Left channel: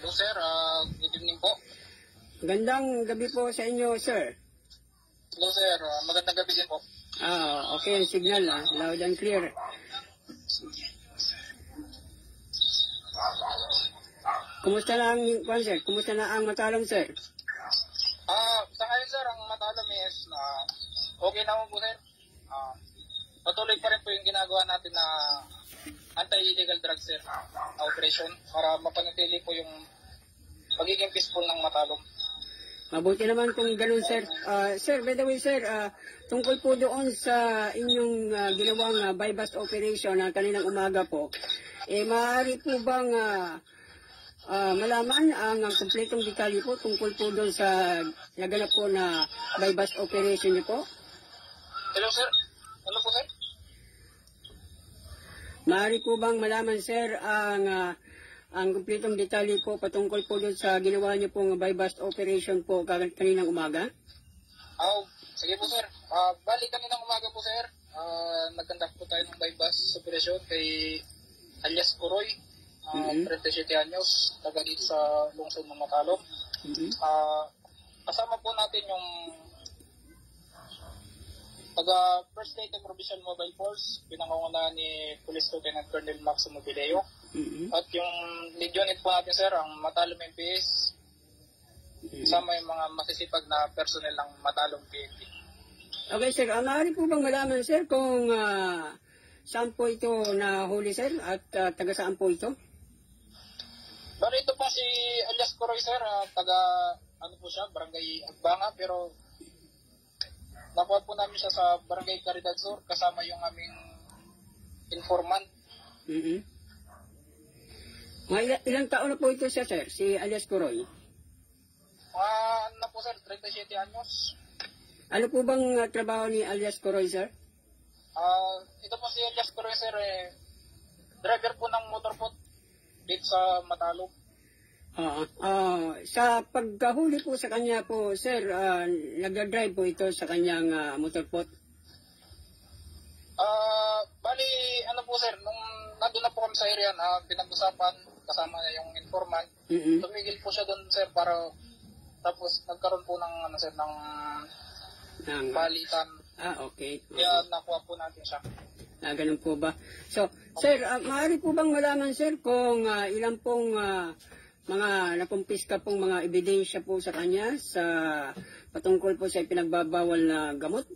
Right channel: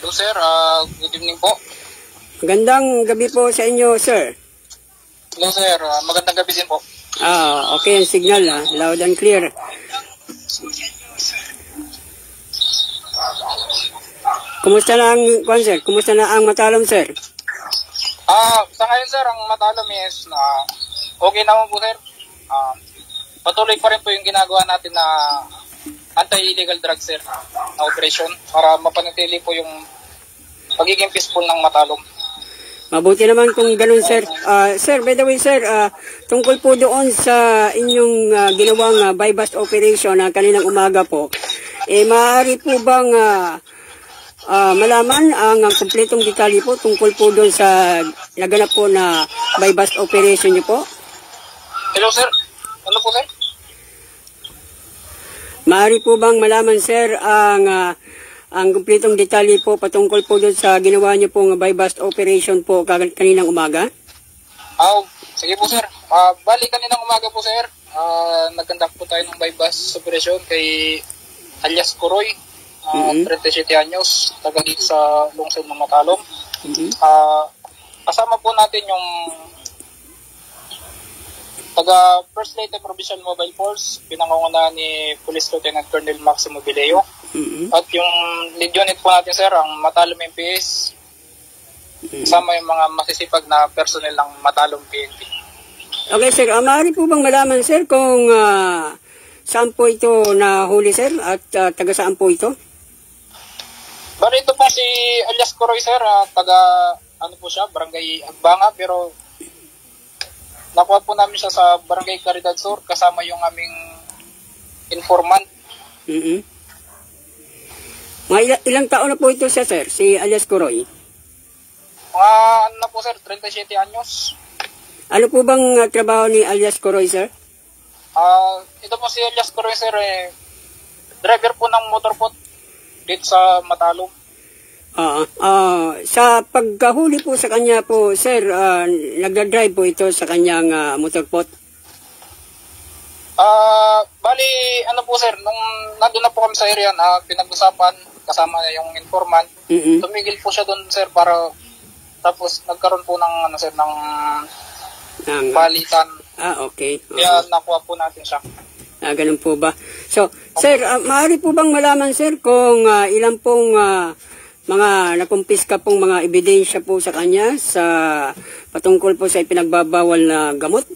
Hello sir, good evening po. Magandang gabi po sa inyo, sir. Hello sir, magandang gabi din po. Okay ang signal, loud and clear. Kumusta na ang, sir? Kumusta na ang Matalom, sir? Sa ngayon sir, ang Matalom is na okay naman po sir. Patuloy pa rin po yung ginagawa natin na anti-illegal drugs sir, na operation para mapanatili po yung pagiging peaceful ng Matalom. Mabuti naman kung ganun, sir. Sir, by the way, sir, tungkol po doon sa inyong ginawang buy-bust operation na kaninang umaga po, maaari po bang malaman ang kumpletong detalye po tungkol po doon sa naganap po na buy-bust operation niyo po? Hello sir, ano po sir? Maaari po bang malaman, sir, ang kumpletong detalye po patungkol po doon sa ginawa niyo pong buy-bust operation po kaninang umaga? Sige po sir. Bali kaninang umaga po sir, nagkandak po tayo ng buy-bust operation kay alias Kuroy, 37 anyos, taga dito sa lungsod ng Matalom. Kasama po natin yung taga First Leyte Provincial Mobile Force, pinangungunahan ni Police Lieutenant Colonel Maximo Bileo. At yung lead unit po natin sir, ang Matalom MPS, kasama yung mga masisipag na personnel ng Matalom PNP. Okay sir, maaari po bang malaman sir kung saan po ito nahuli sir at taga saan po ito? Bali ito po si alias Kuroy sir, taga ano po siya, Barangay Agbanga, pero nakuha po namin siya sa Barangay Caridad Sur kasama yung aming informant. Mga ilang taon na po ito siya, sir, si alias Kuroy? Mga ano na po sir, 37 anyos. Ano po bang trabaho ni alias Kuroy, sir? Ito po si alias Kuroy sir, driver po ng motor po dito sa Matalom. Sa pagkahuli po sa kanya po, sir, nagdadrive po ito sa kanyang motorpot? Bali, ano po sir, nung nandun na po kami sa area na pinag-usapan, kasama na yung informant, tumigil po siya doon sir para tapos nagkaroon po ng ano sir, ng balitan. Okay. Kaya nakuha po natin siya. Ganun po ba? So, sir, maaari po bang malaman sir kung ilan pong mga nakumpiska pong mga ebidensya po sa kanya sa patungkol po sa ipinagbabawal na gamot?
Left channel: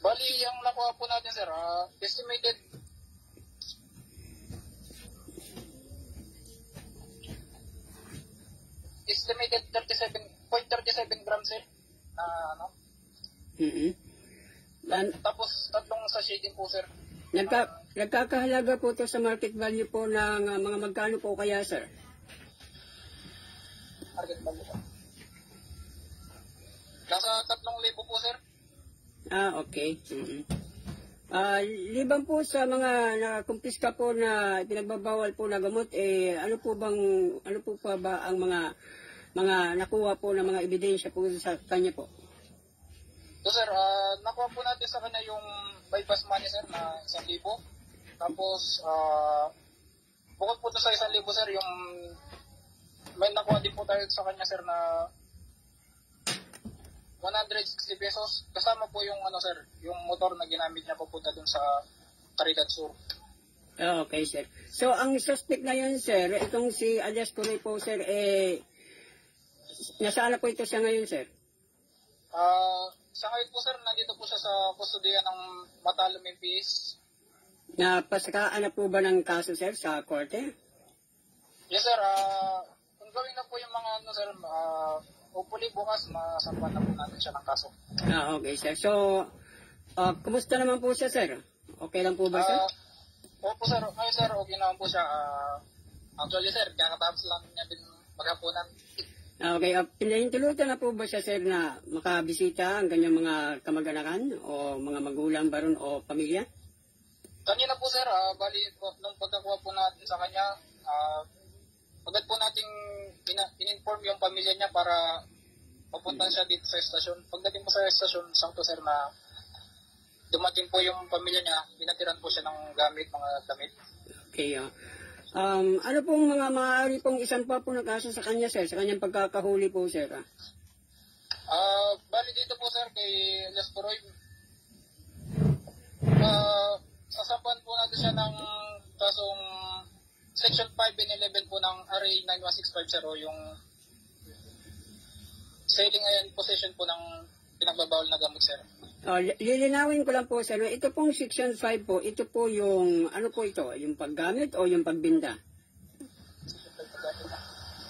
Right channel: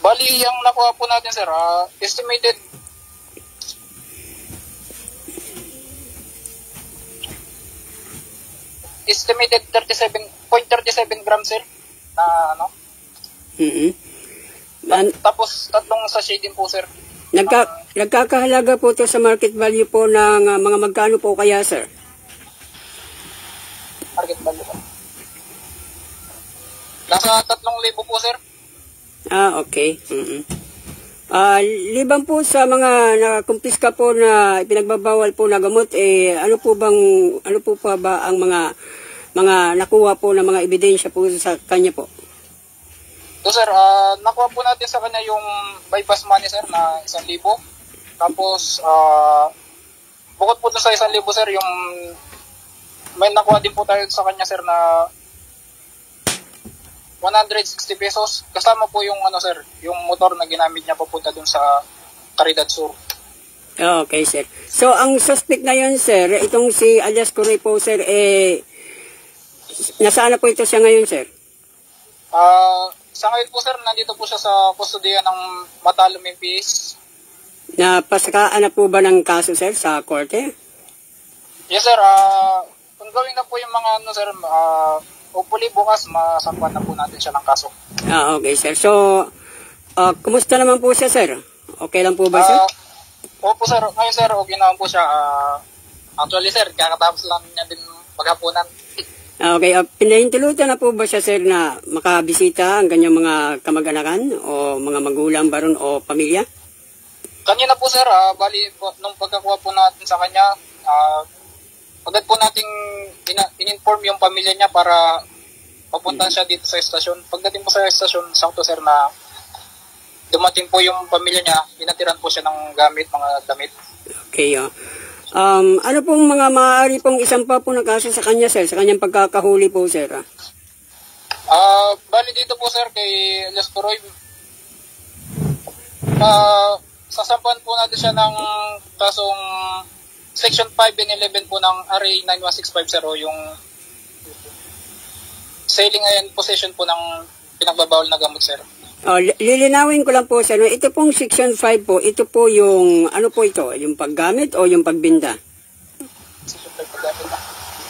Bali, ang nakuha po natin sir, estimated 37.37 grams sir na ano. Tapos tatlong sachet din po sir. Nagkakahalaga po ito sa market value po ng mga magkano po kaya sir? Market value po. Nasa 3,000 po sir. Okay. Liban po sa mga nakumpiska po na pinagbabawal po na gamot, ano po pa ba ang mga nakuha po na mga ebidensya po sa kanya po? So sir, nakuha po natin sa kanya yung buy-bust money sir na 1,000. Tapos bukod po sa 1,000 sir, yung may nakuha din po tayo sa kanya sir na 160 pesos. Kasama po yung ano sir, yung motor na ginamit niya papunta dun sa Caridad Sur. Okay sir. So ang suspect na yun sir, itong si alias Kuroy po sir, nasaan na po ito siya ngayon sir? Sa ngayon po sir, nandito po siya sa kustodiya ng Matalom MPS. Napasakaan na po ba ng kaso sir sa korte? Yes sir, kung gawin na po yung mga ano sir, hopefully bukas masakwan na po natin siya ng kaso. Okay sir. So, kumusta naman po siya sir? Okay lang po ba sir? Opo sir, ngayon sir, okay naman po siya. Actually sir, kakatapos lang niya din maghapunan. Okay, pinahintulutan na po ba siya sir na makabisita ang kanyang mga kamag-anakan o mga magulang ba ron o pamilya? Kanina po sir, bali nung pagkakuha po natin sa kanya, agad po nating in-inform yung pamilya niya para papunta siya dito sa estasyon. Pagdating po sa estasyon, sakto sir na dumating po yung pamilya niya, inatiran po siya ng gamit, mga damit. Okay, Ano pong mga maaari pong isang pa po na kaso sa kanya, sir, sa kanyang pagkakahuli po, sir? Bali dito po sir kay Elias Puroy, sasampuan po natin siya ng kasong Section 5 and 11 po ng RA 91650, yung selling and possession po ng pinagbabawal na gamot, sir. Lilinawin ko lang po, sir. Ito pong Section 5 po, ito po yung, ano po ito? Yung paggamit o yung pagbinda? Section 5 paggamit na.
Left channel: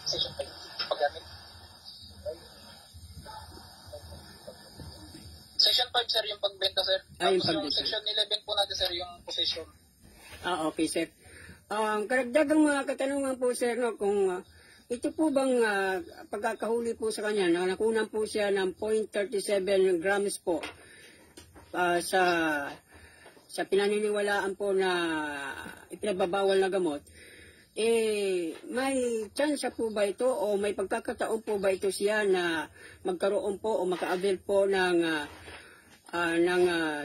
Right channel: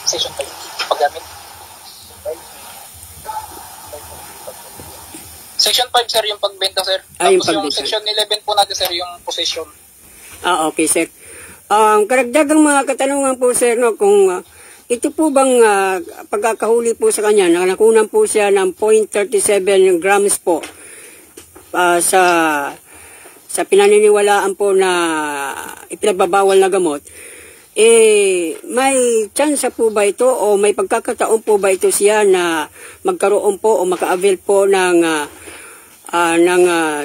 Section 5 paggamit. Section 5, sir, yung pagbenta, sir. Yung Tapos yung pagbenta. Section 11 po natin, sir, yung possession. Okay, sir. Karagdagang mga katanungan po, sir, no, kung ito po bang pagkakahuli po sa kanya, nakunan po siya ng 0.37 grams po sa pinaniniwalaan po na ipinagbabawal na gamot, may chance po ba ito o may pagkakataon po ba ito siya na magkaroon po o maka-avail po ng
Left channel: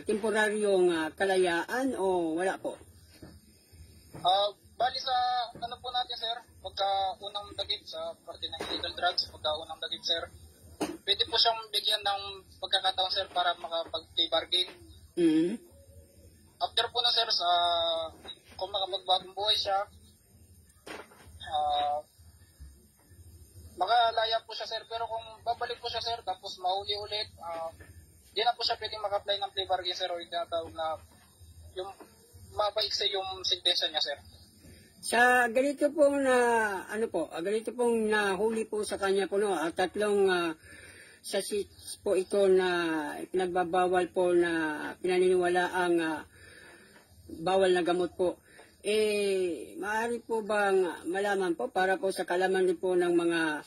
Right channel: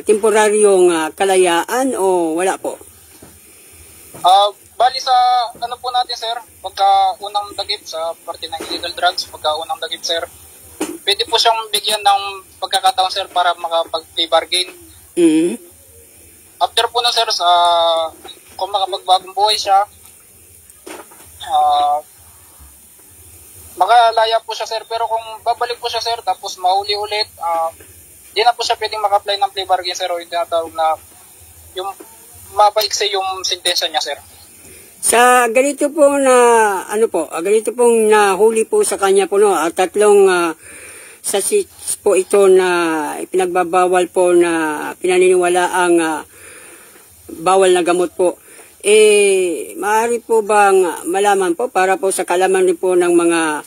temporaryong kalayaan o wala po? Bali sa ano po natin, sir, pagka unang dagip sa parte ng illegal drugs, pagka unang dagip, sir, pwede po siyang bigyan ng pagkakataon, sir, para makapag-plea bargain. Mm-hmm. After po na, sir, kung makapagbagong buhay siya, makalaya po siya, sir. Pero kung babalik po siya, sir, tapos mahuli ulit, di na po siya pwedeng maka-apply ng plea bargain, sir, o yung tinatawag na yung mapaiksi yung sentensya niya, sir. Sa ganito po na ganito pong nahuli po sa kanya po, no, tatlong sachets po ito na ipinagbabawal po na pinaniniwala ang bawal na gamot po. Maaari po bang malaman po para po sa kalaman rin po ng mga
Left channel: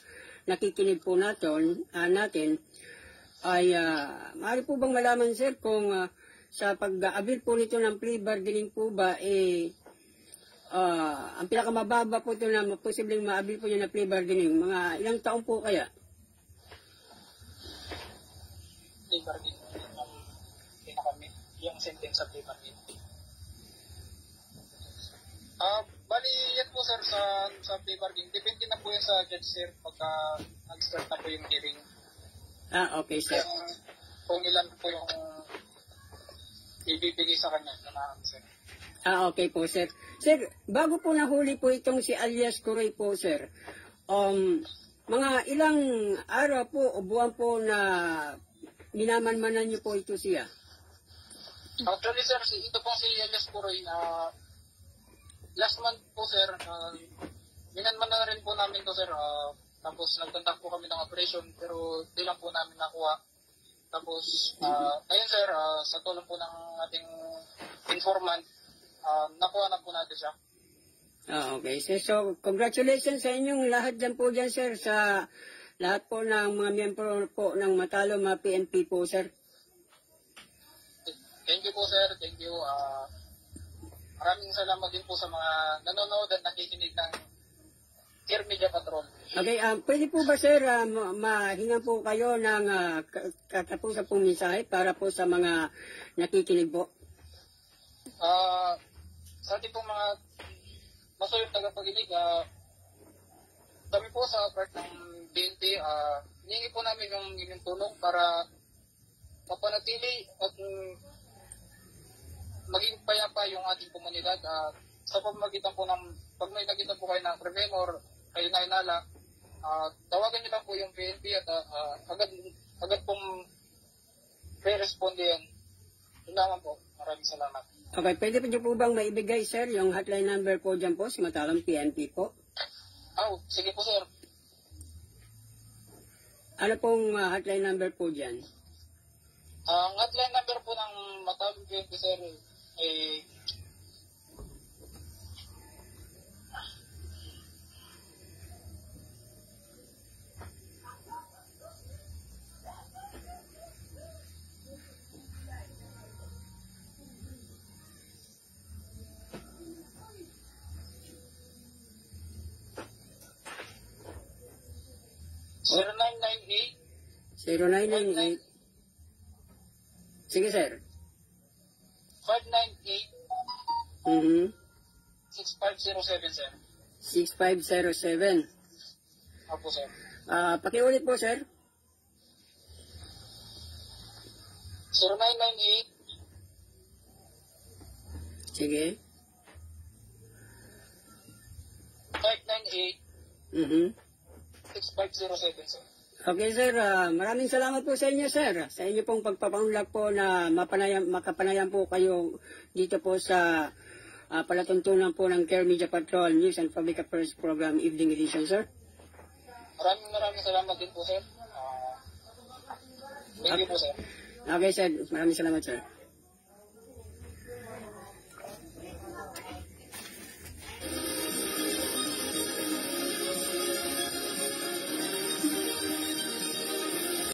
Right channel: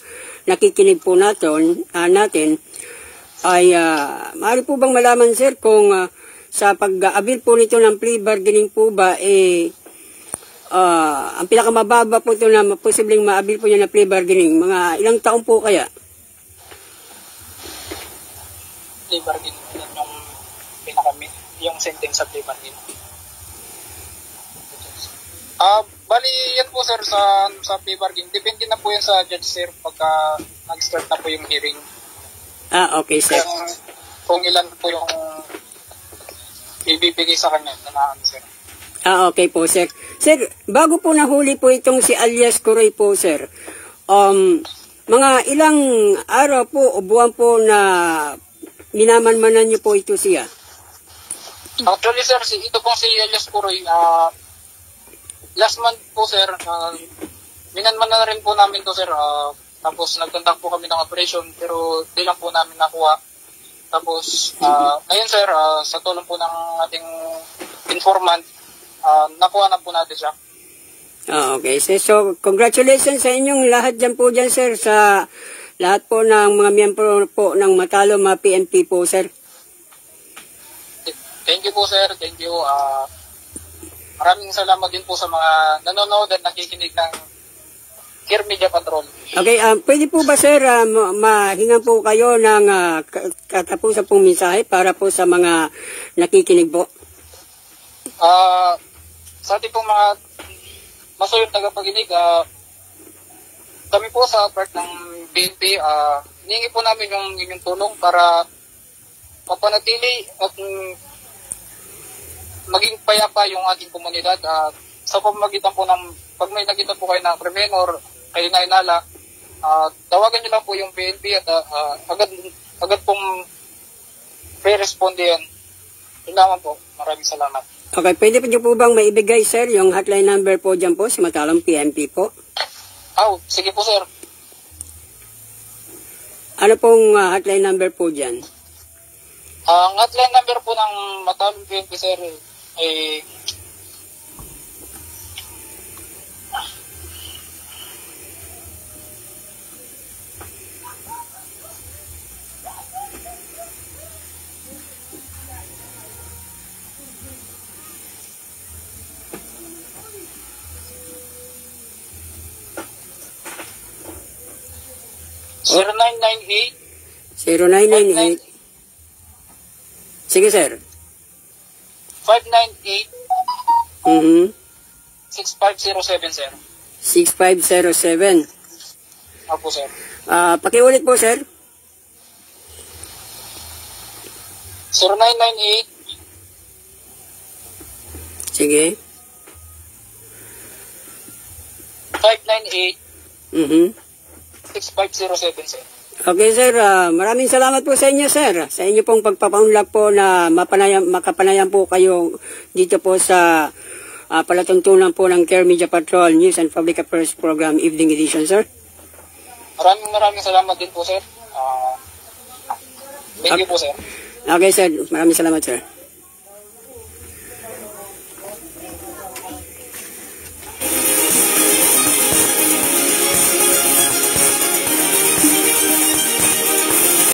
nakikinig po natin ay maaari po bang malaman, sir, kung sa pag-abil po nito ng plea bargaining po ba ang pinakamababa po ito na posibleng maabil po niya na plea bargaining, mga ilang taon po kaya? Plea bargaining, yung sentence sa plea bargaining. Bali yan po, sir, sa plea bargaining. Depende na po yan sa judge, sir, pagka nag-start na po yung hearing. Okay, sir. Kung ilan po yung ibibigay sa kanya na sir. Okay po, sir. Sir, bago po nahuli po itong si Elias Puroy po, sir, mga ilang araw po o buwan po na minamanmanan niyo po ito siya? Actually, sir, ito pong si Elias Puroy, last month po, sir, minanmanan na rin po namin to, sir. Tapos nagkontak po kami ng operation, pero di lang po namin nakuha. Tapos, ngayon, sir, sa tulong po ng ating informant, nakuha na po natin siya. Okay, sir. So, congratulations sa inyong lahat dyan po dyan, sir, sa lahat po ng mga miyembro po ng Matalom PNP po, sir. Thank you po, sir. Thank you. Maraming salamat din po sa mga nanonood at nakikinig ng Care Media Patrol. Okay, pwede po ba, sir, mahingan po kayo ng katapusan pong mensahe para po sa mga nakikinig po? Sa ating pong mga masuyong tagapaginig, kami po sa part ng BNP, hiningi po namin yung inyong tulong para mapanatili at maging payapa yung ating komunidad. Sa pamamagitan po ng, pag may nakita po kayo ng krimen or kayo na inala, tawagan nyo lang po yung BNP at agad pong re-responde yan. Yun naman po. Maraming salamat. Okay, pwede po nyo po bang maibigay, sir, yung hotline number po dyan po sa Matalom PNP po? Sige po, sir. Ano pong hotline number po dyan? Ang hotline number po ng Matalom PNP, sir, ay 0998 Sige, sir. 598 Mm-hmm. 6507, sir. 6507. Opo, sir. Pakiulit po, sir. 0998 Sige. 598 Mhm. 6507, sir. Okay, sir. Maraming salamat po sa inyo, sir. Sa inyo pong pagpapaunlak po na makapanayam po kayo dito po sa palatuntunan po ng Care Media Patrol News and Public Affairs Program Evening Edition, sir. Maraming salamat din po, sir. Thank you po, sir. Okay, sir. Maraming salamat, sir.